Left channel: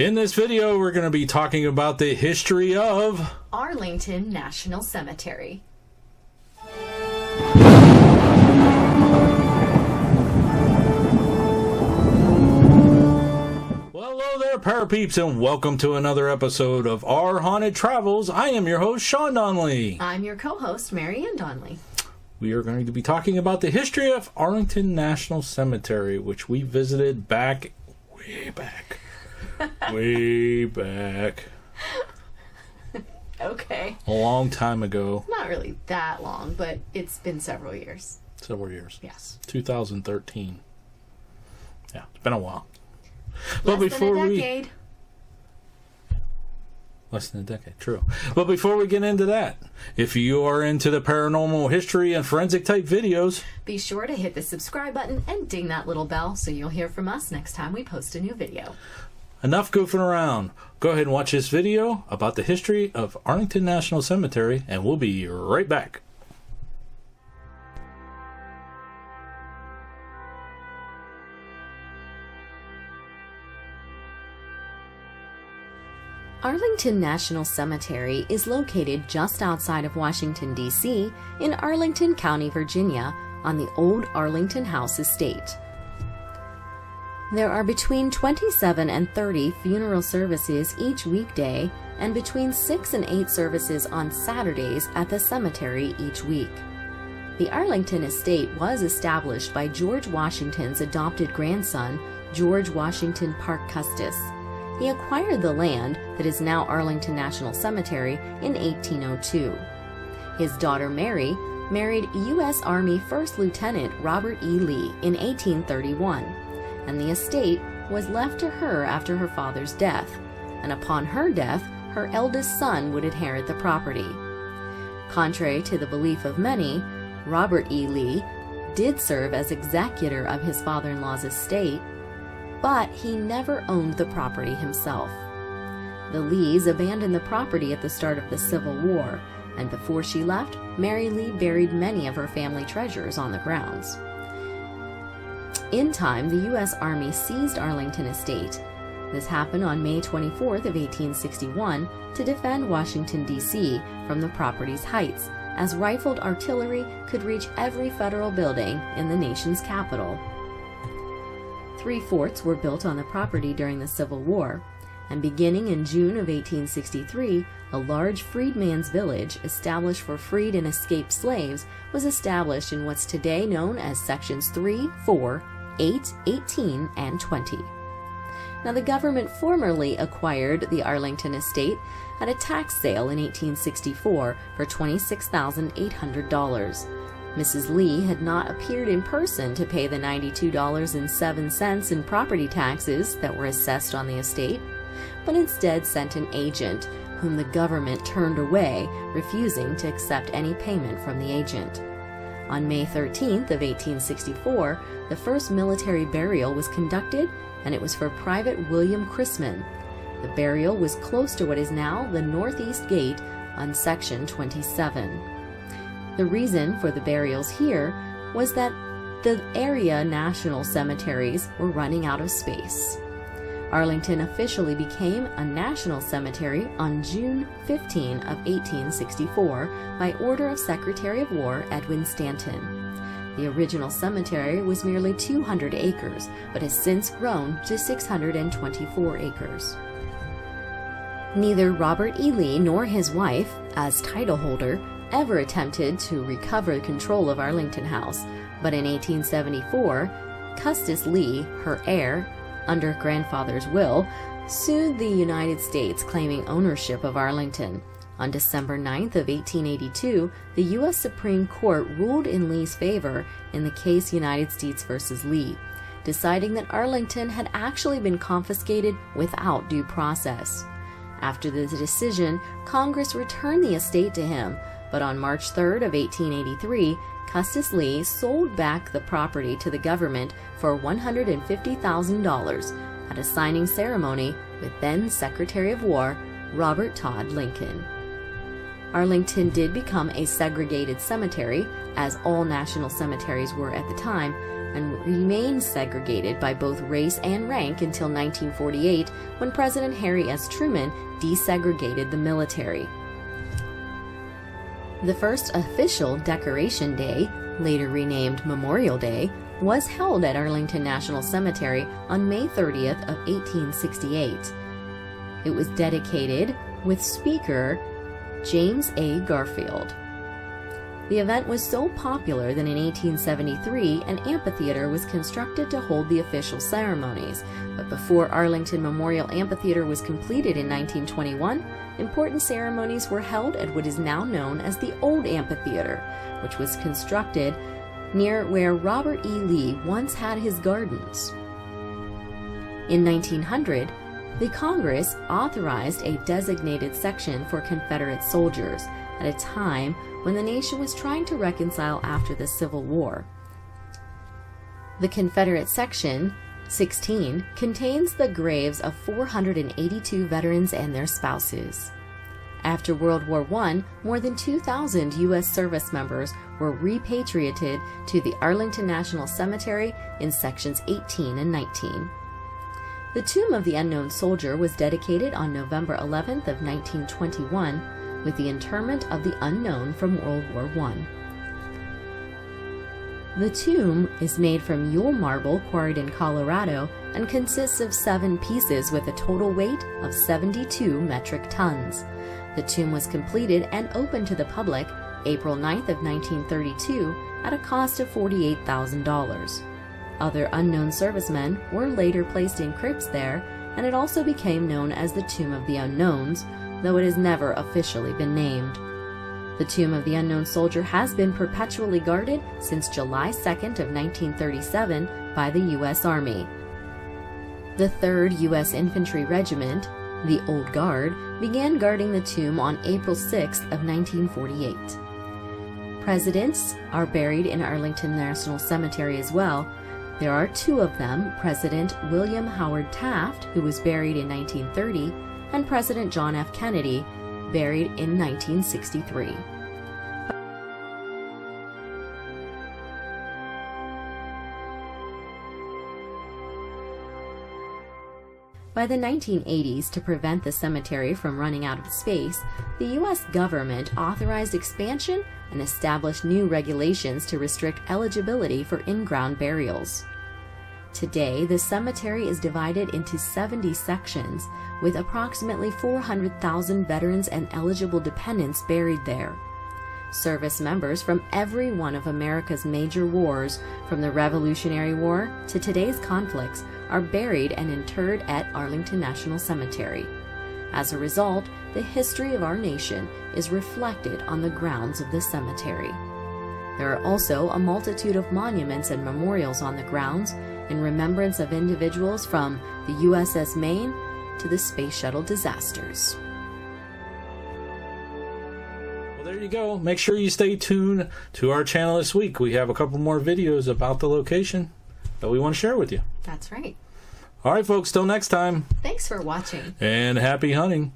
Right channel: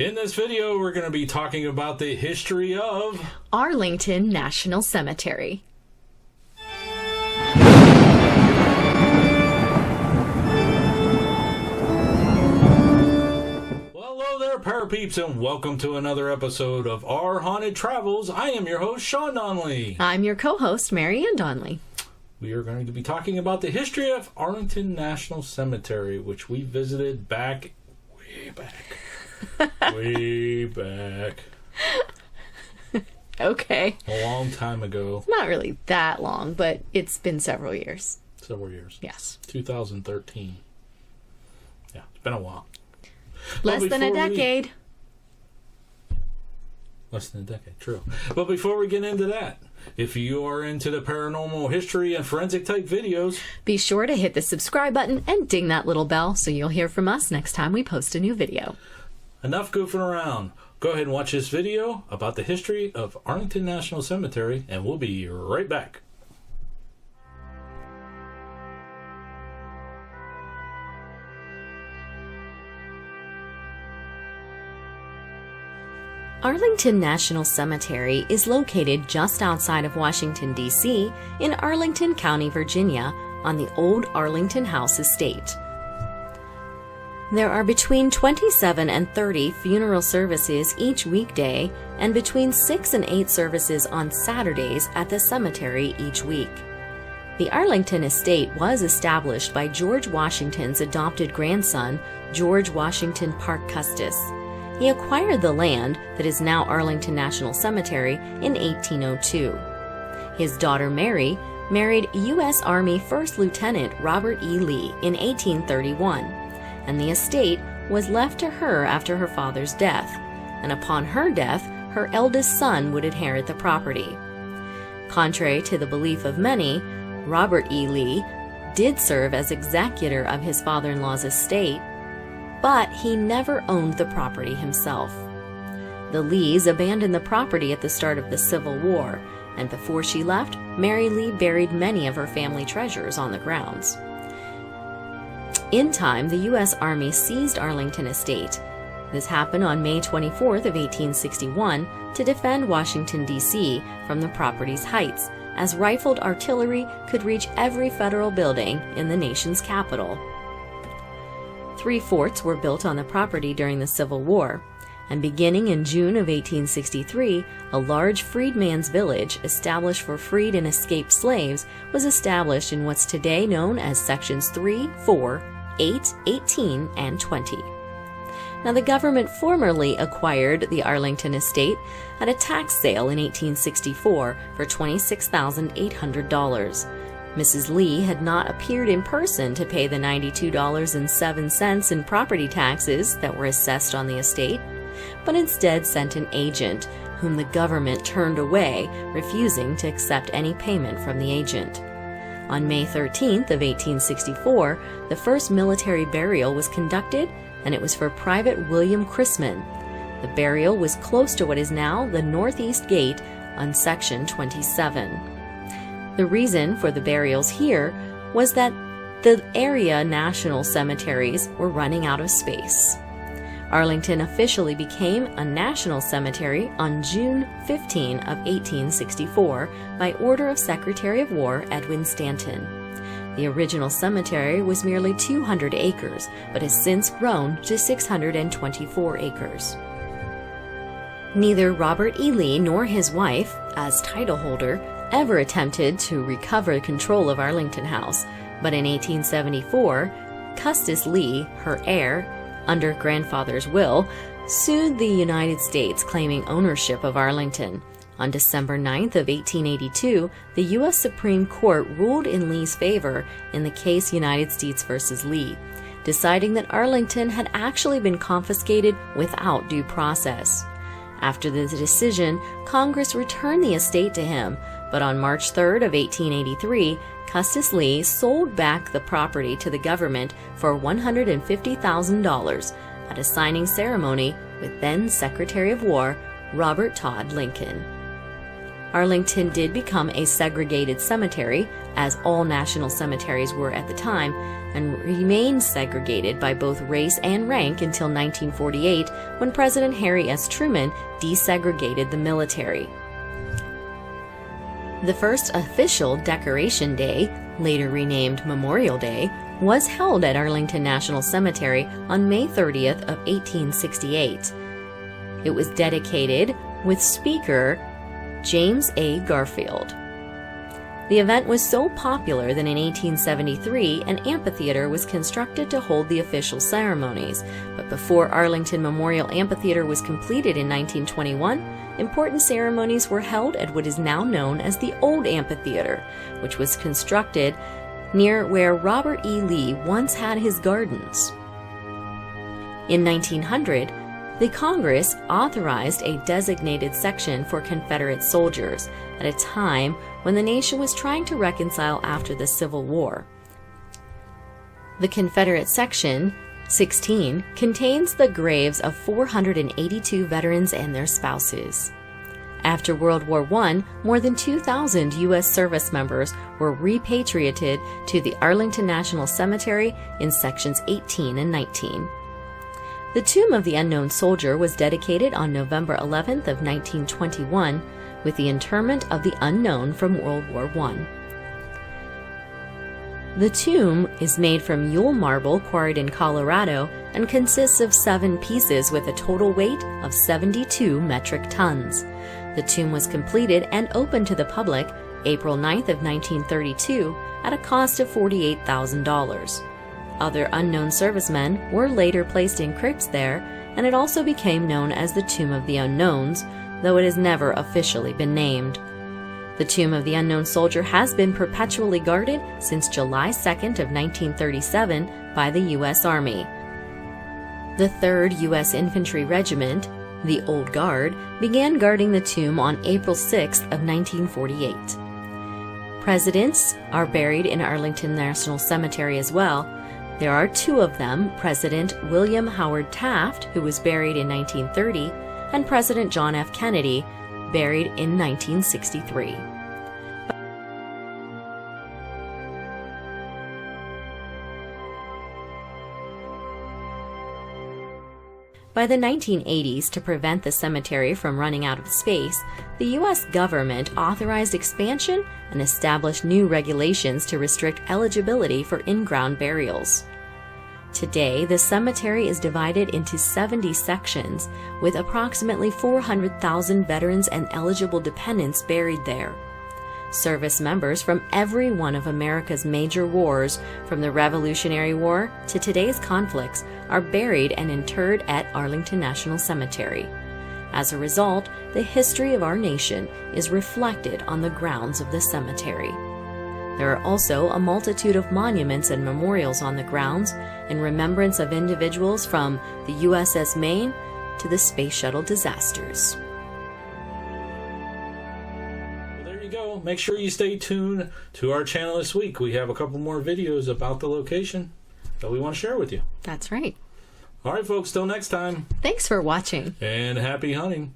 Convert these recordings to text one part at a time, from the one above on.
In this video, we're going to be talking about the history of Arlington National Cemetery. Well, hello there, parapeeps, and welcome to another episode of Our Haunted Travels. I am your host, Sean Donnelly. I'm your co-host, Mary Ann Donnelly. We are going to be talking about the history of Arlington National Cemetery, which we visited way back. Okay. A long time ago. Not really that long, but it's been several years. Several years. Yes. 2013. Yeah, it's been a while. Less than a decade. Less than a decade, true. But before we get into that, if you are into the paranormal history and forensic type videos, be sure to hit the subscribe button and ding that little bell so you'll hear from us next time we post a new video. Enough goofing around. Go ahead and watch this video about the history of Arlington National Cemetery, and we'll be right back. Arlington National Cemetery is located just outside of Washington, D.C. in Arlington County, Virginia, on the old Arlington House estate. There are between 27 and 30 funeral services each weekday and between 6 and 8 services on Saturdays at the cemetery each week. The Arlington estate was established by George Washington's adopted grandson, George Washington Parke Custis. He acquired the land that is now Arlington National Cemetery in 1802. His daughter Mary married U.S. Army First Lieutenant Robert E. Lee in 1831, and the estate was left to her after her father's death, and upon her death, her eldest son would inherit the property. Contrary to the belief of many, Robert E. Lee did serve as executor of his father-in-law's estate, but he never owned the property himself. The Lees abandoned the property at the start of the Civil War, and before she left, Mary Lee buried many of her family treasures on the grounds. In time, the U.S. Army seized Arlington Estate. This happened on May 24th of 1861 to defend Washington, D.C. from the property's heights, as rifled artillery could reach every federal building in the nation's capital. 3 forts were built on the property during the Civil War, and beginning in June of 1863, a large freedman's village established for freed and escaped slaves was established in what's today known as Sections 3, 4, 8, 18, and 20. Now, the government formerly acquired the Arlington estate at a tax sale in 1864 for $26,800. Mrs. Lee had not appeared in person to pay the $92.07 in property taxes that were assessed on the estate, but instead sent an agent, whom the government turned away, refusing to accept any payment from the agent. On May 13th of 1864, the first military burial was conducted, and it was for Private William Chrisman. The burial was close to what is now the Northeast Gate on Section 27. The reason for the burials here was that the area national cemeteries were running out of space. Arlington officially became a national cemetery on June 15 of 1864 by order of Secretary of War Edwin Stanton. The original cemetery was merely 200 acres, but has since grown to 624 acres. Neither Robert E. Lee nor his wife, as title holder, ever attempted to recover control of Arlington House, but in 1874, Custis Lee, her heir, under grandfather's will, sued the United States claiming ownership of Arlington. On December 9th of 1882, the U.S. Supreme Court ruled in Lee's favor in the case United States versus Lee, deciding that Arlington had actually been confiscated without due process. After the decision, Congress returned the estate to him, but on March 3rd of 1883, Custis Lee sold back the property to the government for $150,000 at a signing ceremony with then Secretary of War Robert Todd Lincoln. Arlington did become a segregated cemetery, as all national cemeteries were at the time, and remained segregated by both race and rank until 1948, when President Harry S. Truman desegregated the military. The first official Decoration Day, later renamed Memorial Day, was held at Arlington National Cemetery on May 30th of 1868. It was dedicated with Speaker James A. Garfield. The event was so popular that in 1873 an amphitheater was constructed to hold the official ceremonies, but before Arlington Memorial Amphitheater was completed in 1921, important ceremonies were held at what is now known as the Old Amphitheater, which was constructed near where Robert E. Lee once had his gardens. In 1900, the Congress authorized a designated section for Confederate soldiers at a time when the nation was trying to reconcile after the Civil War. The Confederate Section 16 contains the graves of 482 veterans and their spouses. After World War I, more than 2,000 U.S. service members were repatriated to the Arlington National Cemetery in Sections 18 and 19. The Tomb of the Unknown Soldier was dedicated on November 11th of 1921 with the interment of the unknown from World War I. The tomb is made from Yule marble quarried in Colorado and consists of 7 pieces with a total weight of 72 metric tons. The tomb was completed and opened to the public April 9th of 1932 at a cost of $48,000. Other unknown servicemen were later placed in crypts there, and it also became known as the Tomb of the Unknowns, though it has never officially been named. The Tomb of the Unknown Soldier has been perpetually guarded since July 2nd of 1937 by the U.S. Army. The 3rd U.S. Infantry Regiment, the Old Guard, began guarding the tomb on April 6th of 1948. Presidents are buried in Arlington National Cemetery as well. There are 2 of them, President William Howard Taft, who was buried in 1930, and President John F. Kennedy, buried in 1963. By the 1980s, to prevent the cemetery from running out of space, the U.S. government authorized expansion and established new regulations to restrict eligibility for in-ground burials. Today, the cemetery is divided into 70 sections, with approximately 400,000 veterans and eligible dependents buried there. Service members from every one of America's major wars, from the Revolutionary War to today's conflicts, are buried and interred at Arlington National Cemetery. As a result, the history of our nation is reflected on the grounds of the cemetery. There are also a multitude of monuments and memorials on the grounds in remembrance of individuals from the USS Maine to the Space Shuttle disasters. Well, there you go. Make sure you stay tuned to our channel this week. We have a couple more videos about the location that we want to share with you. That's right. All right, folks, till next time. Thanks for watching. And happy hunting.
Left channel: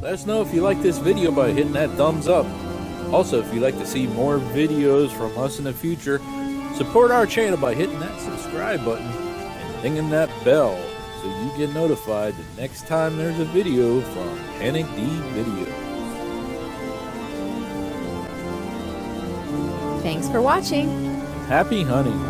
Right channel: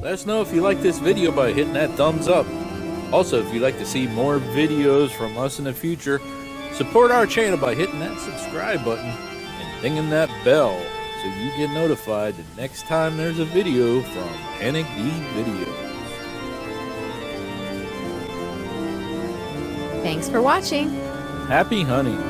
Let us know if you like this video by hitting that thumbs up. Also, if you'd like to see more videos from us in the future, support our channel by hitting that subscribe button and dinging that bell so you get notified the next time there's a video from Panic D Videos. Thanks for watching. Happy hunting.